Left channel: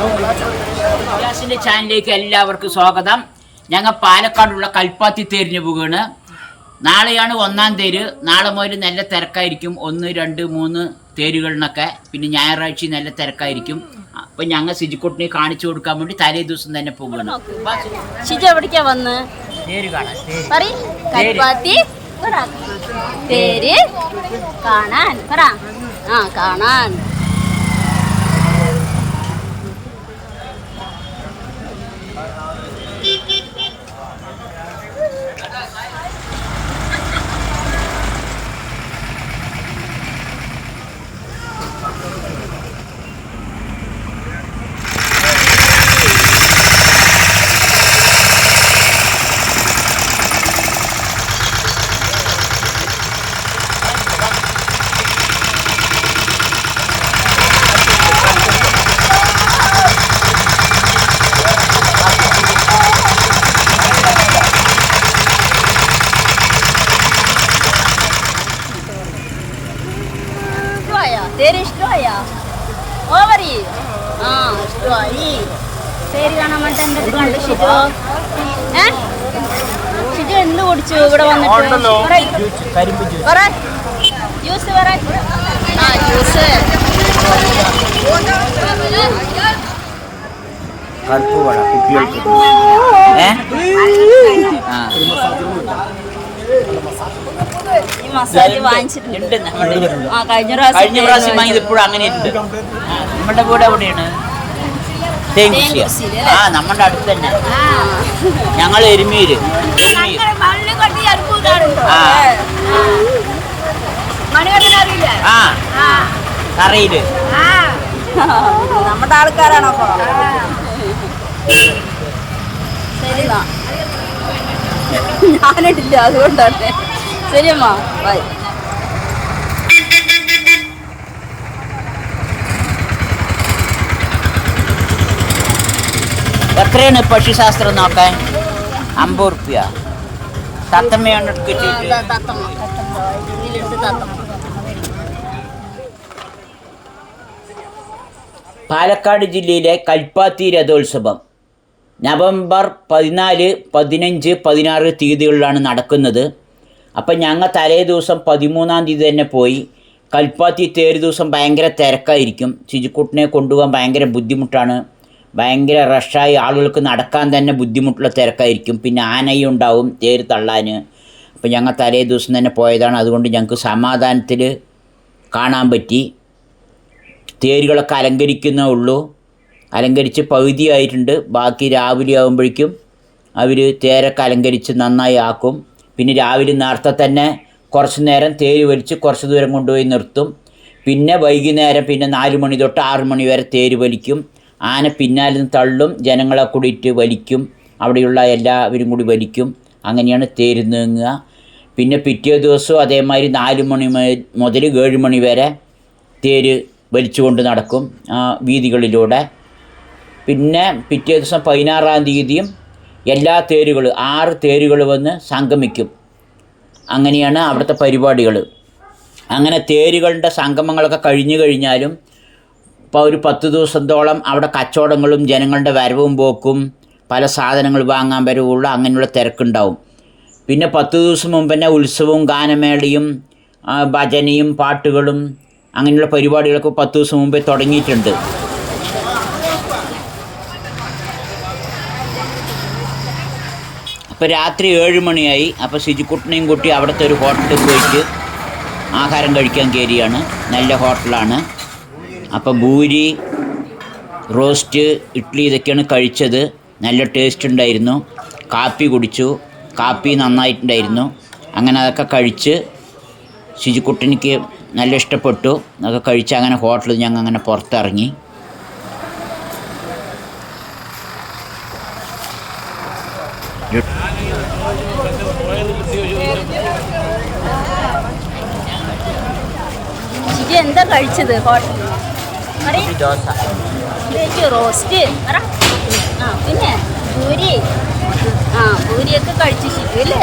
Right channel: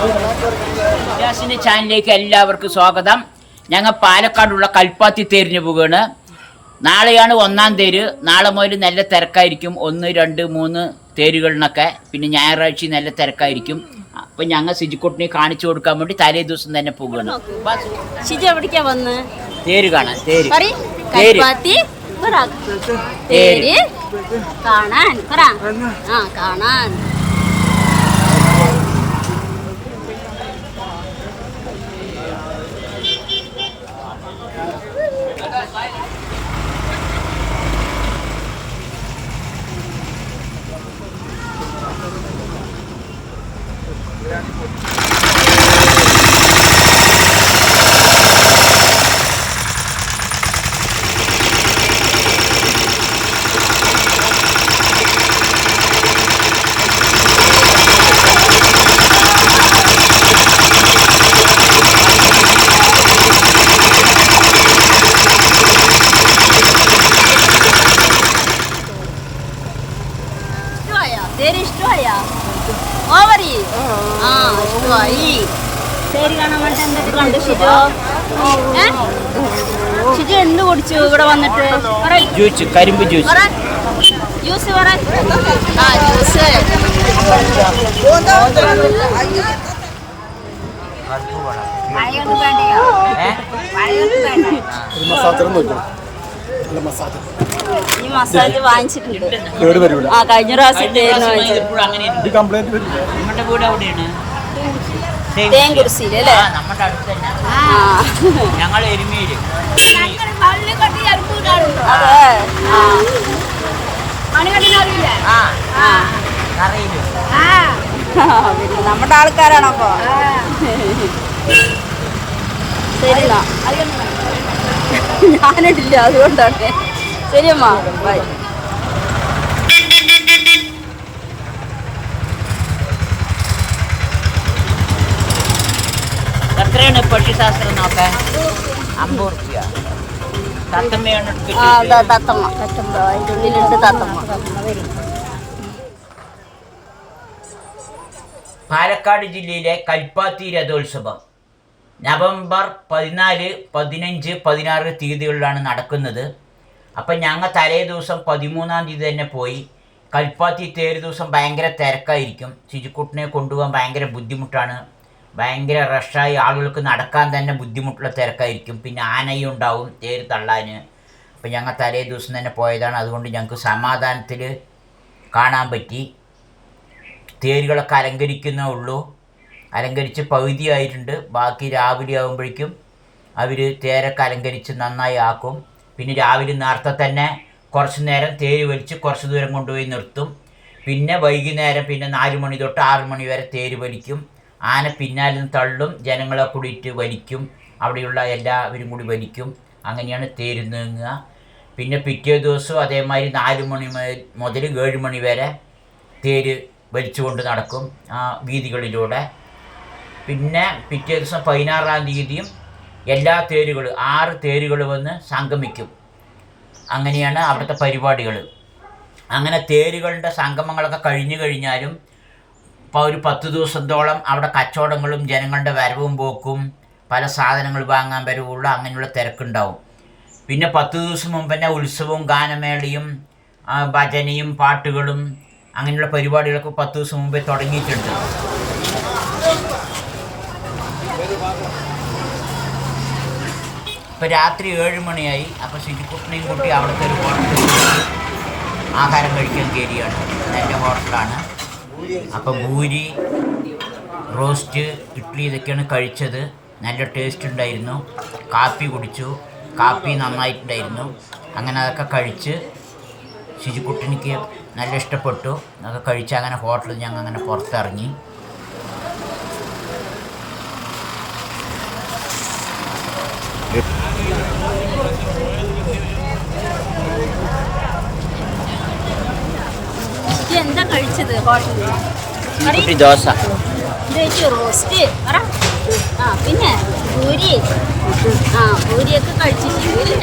ഇജാസിന്റെ ചാനലിലേക്ക് എല്ലാവർക്കും സ്വാഗതം. ഞങ്ങൾ പാലക്കാടുള്ള കൽപ്പാത്തി തേരിന് പോവുകയാണ്. നാളെയാണ് 1-ാം തേര്. നാളെ മുതൽ നല്ല തിരക്കായിരിക്കും. 1, 2, 3 തേരുകളിനൊക്കെ. പിന്നെ ഞായറാഴ്ച നല്ല തിരക്കായിരിക്കും. അപ്പം ഞങ്ങൾ സിജിക്കുട്ടിനെ കാണിച്ചു കൊടുക്കാൻ വേണ്ടി തലേ ദിവസം തന്നെ പോവുകയാണ്. എവിടേക്കാ വന്ന് തേര് കാണാൻ. കൽപ്പാത്തി തേര് കാണാൻ കാണാൻ. തേര് ഇഷ്ടമായാ? ഓവറി ഇഷ്ടമായി. തേര് കാണാൻ വേണ്ടി എന്തൊക്കെ കണ്ടു ഷിജു? ഷിജു എന്ത് കുടിച്ചു ഇവിടെ വന്നിട്ട്? ജ്യൂസ് പറ. ജ്യൂസ് ഈ മസാല വാങ്ങിച്ചിട്ടുണ്ട്. കഴിഞ്ഞ പ്രാവശ്യം നമ്മുടെ വീട് എവിടെയാണ്? നമ്മുടെ അടുത്ത് തന്നെ. ഞങ്ങൾ എരുമീര് മണികണ്ഠനറിയില്ലേ? അറിയില്ലേ? നമ്മുടെ ആൾക്കാരാണപ്പോ. ശരിന്നാ, ഞാനിട്ടില്ല അതുകൊണ്ടാണ്. ശരിയമ്മ, ബൈ. എത്രയാണ് പശുശാസ്ത്രം നോക്കാൻ? 50 റുപ്യ. തത്തമ്മയാണ്. തത്തമ്മ അതിൻ്റെ ഉള്ളിലുണ്ട് തത്തമ്മ. പാലക്കാട് ജില്ലയിലെ കൽപ്പാത്തി രഥോത്സവം നവംബർ 14, 15, 16 തീയതികളിലാണ് നടക്കുന്നത്. അപ്പം ഞങ്ങൾ തലേ ദിവസം 13-ാം തീയതി തന്നെ പോയി. കൽപ്പാത്തി തേര് ദിവസം ഭയങ്കര തിരക്കായിരിക്കും. ശുചിക്കുട്ടിനെ കൊണ്ടുപോകാൻ ഭയങ്കര ബുദ്ധിമുട്ടാണ്. ഭയങ്കര റഷായി, ആളുകൾക്ക് നടക്കാൻ തന്നെ ബുദ്ധിമുട്ടുള്ള തിരക്കായിരിക്കും. പിന്നെ ആനയും ഉണ്ടാവും തേര് തള്ളാൻ. അപ്പം ഞങ്ങൾ തലേ ദിവസം തന്നെ പോയതാണ്. അതുകൊണ്ട് ഞങ്ങൾക്ക് സമാധാനത്തിൽ കാണാൻ പറ്റി. തേരുകളൊക്കെ അലങ്കരിക്കുന്നേ ഉള്ളൂ. അലങ്കരിച്ച് പകുതിയായിട്ടുണ്ട്. ബാക്കി രാവിലെ ആകുമ്പോഴേക്കും അവർ തേരൊക്കെ അലങ്കരിച്ച് നന്നായി ആക്കും. പിന്നെ രാവിലെ നേരത്തെ തന്നെ കുറച്ച് നേരം തേര് വലിച്ച് കുറച്ച് ദൂരം കൊണ്ടുപോയി നിർത്തും. പിന്നെ വൈകുന്നേരം 4 മണി തൊട്ട് 6 മണി വരെ തേര് വലിക്കും. ആന പിന്നാലെ നിന്ന് തള്ളും, ജനങ്ങളെ കൂടിയിട്ട് വലിക്കും. അവിടെയുള്ള എല്ലാവരും കൂടി വലിക്കും. അങ്ങനെയാണ് തേര് നീങ്ങുക. പിന്നെ പിറ്റേ ദിവസവും അതേമാതിരി 4 മണി മുതൽ 7 മണി വരെ തേര് വലിച്ചുകൊണ്ട് നടക്കും വീതികളിലൂടെ. പിന്നെ പിറ്റേ ദിവസം 16-ാം തീയതിയും എല്ലാ തേരുകളും 6 തേരുകൾ വന്ന് സംഗമിക്കും. അങ്ങനെയാണ് അവിടുത്തെ പരിപാടികൾ. അങ്ങനെ തേരുകളുടെ സംഗമങ്ങളൊക്കെ കഴിഞ്ഞു കഴിഞ്ഞാലും ഇപ്പോൾ ഒരു 10 ദിവസത്തോളം അവിടെ കച്ചവടങ്ങളും ജനങ്ങളുടെ വരവും പോക്കും, പല സാധനങ്ങൾ വാങ്ങാൻ വരവുള്ള അങ്ങനെയുള്ള തിരക്കുണ്ടാവും. പിന്നെ 10 ദിവസം മുമ്പ് തന്നെ ഉത്സവവും ഗാനമേളയും ഭജനയും പാട്ടുകളും അങ്ങനെയുള്ള പരിപാടികളൊക്കെ 10 ദിവസം മുമ്പേ തുടങ്ങിയിട്ടുണ്ട്. അപ്പോൾ രാത്രി 7 മണിയായി. അപ്പോൾ ശുചിക്കുട്ടനെയും കൂട്ടി അവിടുത്തെ ഒരു ഹോട്ടലിൽ പോയിട്ട് ആഹാരം കഴിക്കാൻ കയറിയാണ്. നല്ല ഹോട്ടലാണ്. അപ്പോൾ ഭൂരി, റോസ്റ്റ്, ഇഡ്ഡലി ഇതൊക്കെയാണ് കഴിച്ചത്. നല്ല ടേസ്റ്റ് ഉണ്ടായിരുന്നു. കാപ്പി കുടിച്ചു. കാപ്പി നന്നായിട്ടുണ്ടായിരുന്നു. അങ്ങനെ അതൊക്കെ കഴിച്ച് ശുചിക്കുട്ടനിക്ക് നല്ല ഇഷ്ടപ്പെട്ടു. അതൊക്കെ കഴിച്ച് അങ്ങനെ ഹോട്ടലിൽ ഞങ്ങൾ അങ്ങനെ പുറത്തിറങ്ങി. എന്താ കഴിച്ചത് ഹോട്ടലിൽ? ദോശ, റോസ്റ്റ്, പിന്നെ പൂരി. പൂരിയൊക്കെ കഴിച്ചു അല്ലേ?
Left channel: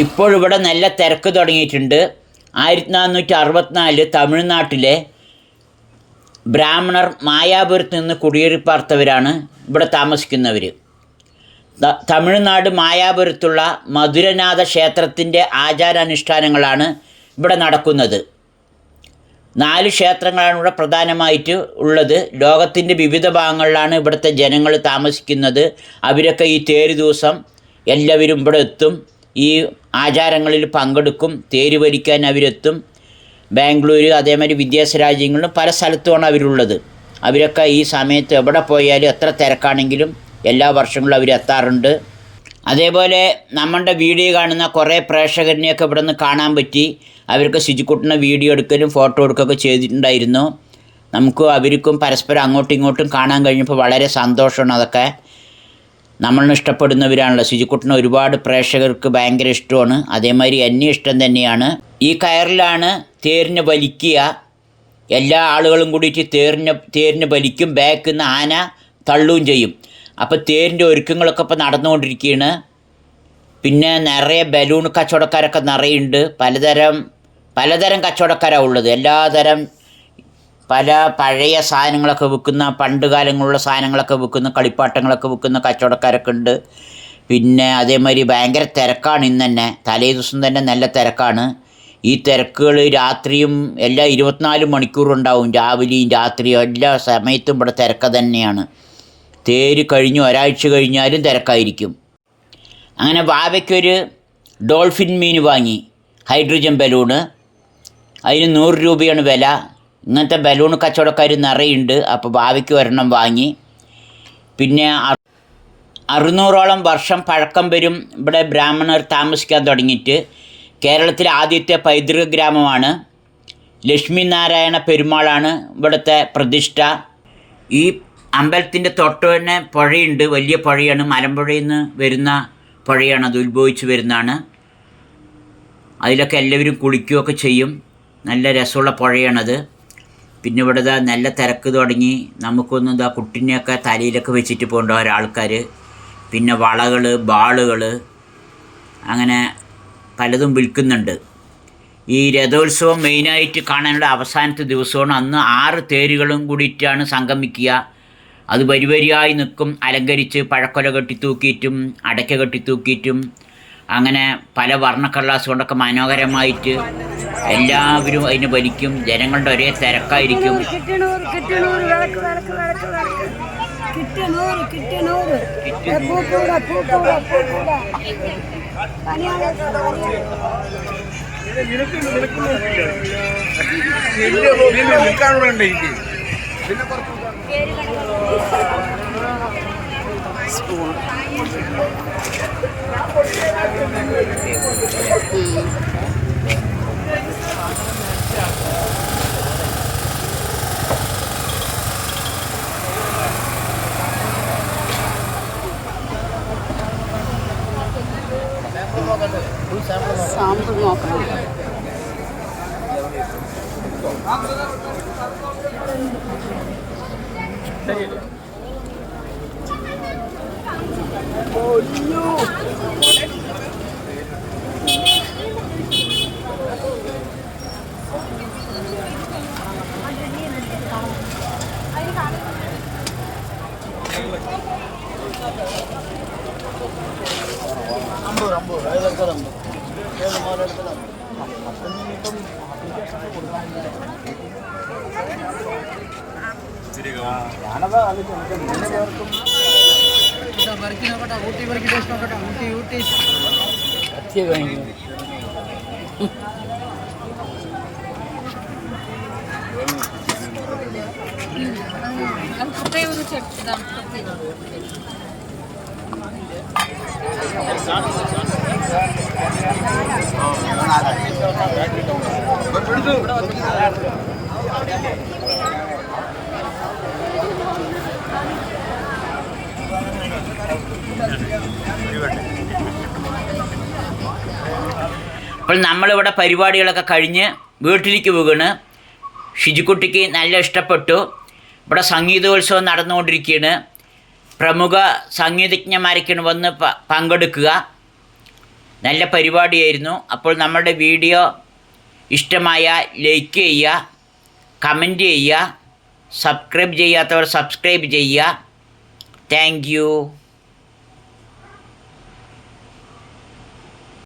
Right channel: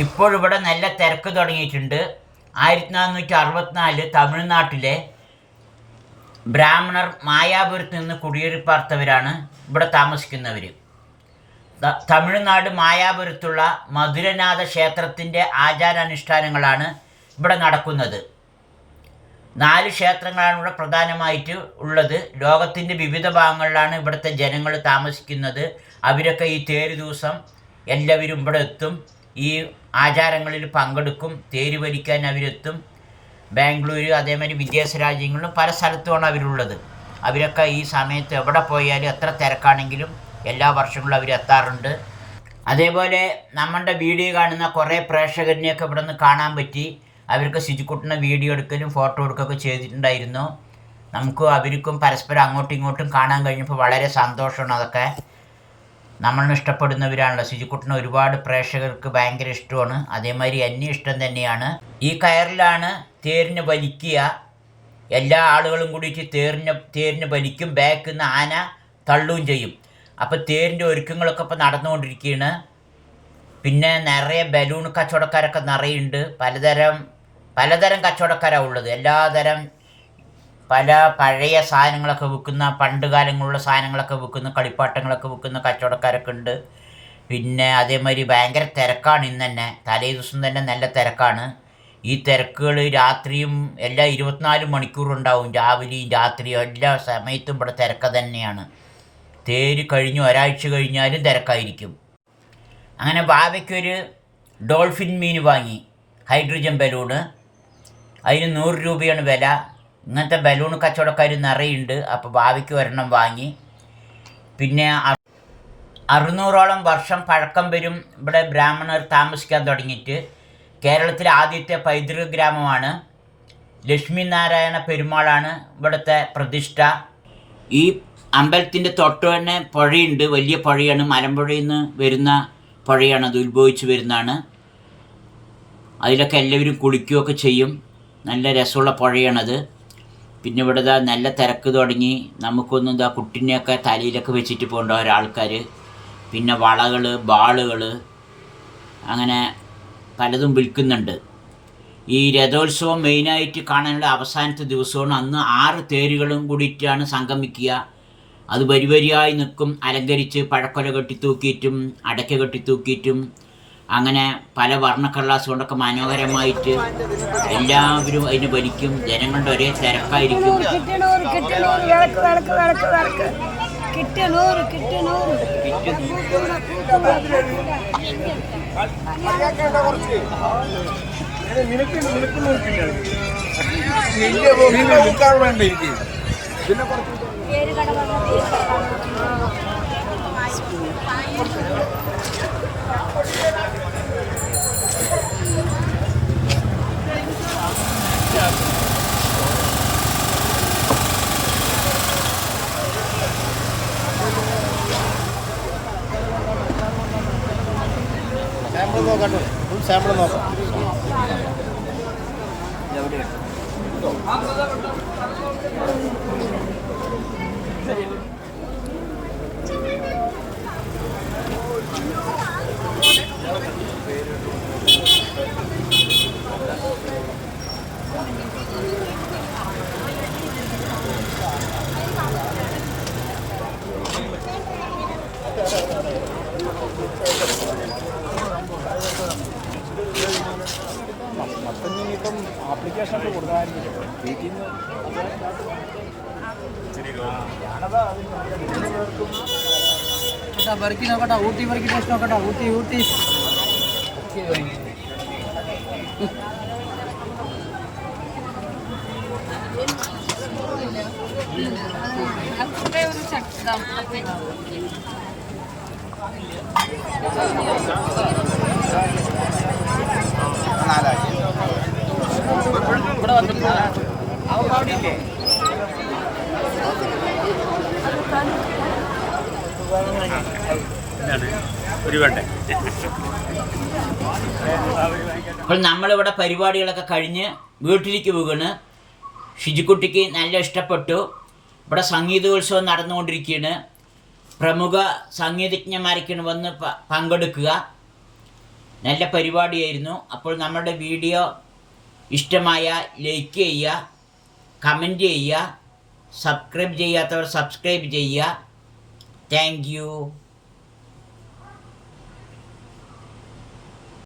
ഇപ്പോഴിവിടെ നല്ല തിരക്ക് തുടങ്ങിയിട്ടുണ്ട്. 1464 തമിഴ്നാട്ടിലെ ബ്രാഹ്മണർ മായാപുരത്ത് നിന്ന് കുടിയേറി പാർത്തവരാണ് ഇവിടെ താമസിക്കുന്നവർ. തമിഴ്നാട് മായാപുരത്തുള്ള മധുരനാഥ ക്ഷേത്രത്തിൻ്റെ ആചാരാനുഷ്ഠാനങ്ങളാണ് ഇവിടെ നടക്കുന്നത്. 4 ക്ഷേത്രങ്ങളാണ് ഇവിടെ പ്രധാനമായിട്ട് ഉള്ളത്. ലോകത്തിൻ്റെ വിവിധ ഭാഗങ്ങളിലാണ് ഇവിടുത്തെ ജനങ്ങൾ താമസിക്കുന്നത്. അവരൊക്കെ ഈ തേര് ദിവസം എല്ലാവരും ഇവിടെ എത്തും, ഈ ആചാരങ്ങളിൽ പങ്കെടുക്കും. തേര് വലിക്കാൻ അവരെത്തും. ബാംഗ്ലൂർ, അതേമാതിരി വിദേശ രാജ്യങ്ങളിലും പല സ്ഥലത്തുമാണ് അവരുള്ളത്. അവരൊക്കെ ഈ സമയത്ത് എവിടെ പോയാലും എത്ര തിരക്കാണെങ്കിലും എല്ലാ വർഷങ്ങളും അവരെത്താറുണ്ട്. അതേപോലെ നമ്മളുടെ വീഡിയോ കാണുന്ന കുറേ പ്രേക്ഷകരെയൊക്കെ ഇവിടെ നിന്ന് കാണാൻ പറ്റി. അവർക്ക് ശുചിക്കുട്ടനെ വീഡിയോ എടുക്കലും ഫോട്ടോ എടുക്കുകയൊക്കെ ചെയ്തിട്ടുണ്ടായിരുന്നു. നമുക്കും അവർക്കും പരസ്പരം അങ്ങോട്ടും ഇങ്ങോട്ടും കാണാൻ കഴിഞ്ഞപ്പോൾ വളരെ സന്തോഷമാണ്. അതൊക്കെ നമ്മളിന് ഇഷ്ടപ്പെടുന്നവരാണല്ലോ. ശുചിക്കുട്ടനെ ഒരുപാട് പ്രേക്ഷകർക്ക് ഭയങ്കര ഇഷ്ടമാണ്. അതേമാതിരി എന്നെ ഇഷ്ടം തന്നെയാണ്. ഈ കയറിലാണ് തേരിനെ വലിക്കുക. എല്ലാ ആളുകളും കൂടിയിട്ട് തേരിനെ വലിക്കും. ബാക്കിൽ നിന്ന് ആന തള്ളുകയും ചെയ്യും. അപ്പോൾ തേരിൻ്റെ ഒരുക്കങ്ങളൊക്കെ ഇപ്പോൾ നടന്നുകൊണ്ടിരിക്കുകയാണ്. പിന്നെ നിറയെ ബലൂൺ കച്ചവടക്കാരൊക്കെ നിറയുണ്ട്. പലതരം കച്ചവടക്കാരാണ് ഉള്ളത്. എല്ലാതരം പല പഴയ സാധനങ്ങളൊക്കെ വിൽക്കുന്ന, പണ്ട് കാലങ്ങളിലുള്ള സാധനങ്ങളൊക്കെ വിൽക്കുന്ന, കളിപ്പാട്ടങ്ങളൊക്കെ വിൽക്കുന്ന കച്ചവടക്കാരൊക്കെ ഉണ്ട്. പിന്നെ അതേമാതിരി ഭയങ്കര തിരക്കാണ് ഇന്ന് തന്നെ. തലേ ദിവസം തന്നെ നല്ല തിരക്കാണ്. ഈ തിരക്കുകൾ രാത്രിയും എല്ലാ 24 മണിക്കൂറും ഉണ്ടാവും. രാവിലെയും രാത്രിയും എല്ലാ സമയത്തും ഇവിടെ തിരക്ക് തന്നെയാണ്. തേര് കഴിഞ്ഞ് ഒരാഴ്ച കഴിഞ്ഞാലും തിരക്കായിരിക്കും. അങ്ങനെ ബാബയ്ക്കൊരു ഡോൾഫിൻ മീൻ വാങ്ങി, ഹൈഡ്രജൻ ബലൂണ്. അതിന് 100 രൂപയാണ് വില. ഇങ്ങനത്തെ ബലൂൺ കച്ചവടക്കാർ നിറയുണ്ട്. അപ്പോൾ ഭാവിക്ക് ഒരെണ്ണം വാങ്ങി. പിന്നെ 600ഓളം വർഷം പഴക്കം വരും ഇവിടെ ബ്രാഹ്മണർ താമസിക്കാൻ തുടങ്ങിയിട്ട്. കേരളത്തിലെ ആദ്യത്തെ പൈതൃക ഗ്രാമമാണ്. ലക്ഷ്മിനാരായണ പെരുമാളാണ് ഇവിടുത്തെ പ്രതിഷ്ഠ. ഈ അമ്പലത്തിൻ്റെ തൊട്ട് തന്നെ പുഴയുണ്ട്. വലിയ പുഴയാണ്. മലമ്പുഴയിൽ നിന്ന് വരുന്ന പുഴയാണ്. അത് ഉത്ഭവിച്ച് വരുന്നതാണ്. അതിലൊക്കെ എല്ലാവരും കുളിക്കുകയൊക്കെ ചെയ്യും. നല്ല രസമുള്ള പുഴയാണത്. പിന്നെ ഇവിടെ നല്ല തിരക്ക് തുടങ്ങി. നമുക്കൊന്നും കുട്ടിനെയൊക്കെ തലയിലൊക്കെ വെച്ചിട്ട് പോകേണ്ട ഒരാൾക്കാർ. പിന്നെ വളകൾ, ബാളുകൾ, അങ്ങനെ പലതും വിൽക്കുന്നുണ്ട്. ഈ രഥോത്സവം മെയിനായിട്ട് കാണാനുള്ള അവസാനത്തെ ദിവസമാണ്. അന്ന് 6 തേരുകളും കൂടിയിട്ടാണ് സംഗമിക്കുക. അത് വരിവരിയായി നിൽക്കും, അലങ്കരിച്ച് പഴക്കൊല കെട്ടിത്തൂക്കിയിട്ടും അടയ്ക്ക കെട്ടിത്തൂക്കിയിട്ടും അങ്ങനെ പല വർണ്ണക്കടലാസ് കൊണ്ടൊക്കെ മനോഹരമായിട്ട് എല്ലാവരും അതിന് വലിക്കും. ജനങ്ങളുടെ ഒരേ തിരക്കായിരിക്കും. സാമ്പിൾ നോക്കണം. വരയ്ക്ക് നോക്കട്ടെ, ഊട്ടി വരയ്ക്ക് ടേസ്റ്റ് നോക്കട്ടെ, ഊട്ടി ഊട്ടി ഒരു ചട്ടി അപ്പോൾ നമ്മളിവിടെ പരിപാടികളൊക്കെ കഴിഞ്ഞ് വീട്ടിലേക്ക് പോകുകയാണ്. ഷിജിക്കുട്ടിക്ക് നല്ല ഇഷ്ടപ്പെട്ടു. ഇവിടെ സംഗീതോത്സവം നടന്നുകൊണ്ടിരിക്കുകയാണ്. പ്രമുഖ സംഗീതജ്ഞന്മാരൊക്കെയാണ് വന്ന് പങ്കെടുക്കുക. നല്ല പരിപാടിയായിരുന്നു. അപ്പോൾ നമ്മുടെ വീഡിയോ ഇഷ്ടമായ ലൈക്ക് ചെയ്യുക, കമൻറ്റ് ചെയ്യുക, സബ്സ്ക്രൈബ് ചെയ്യാത്തവർ സബ്സ്ക്രൈബ് ചെയ്യുക. Thank you.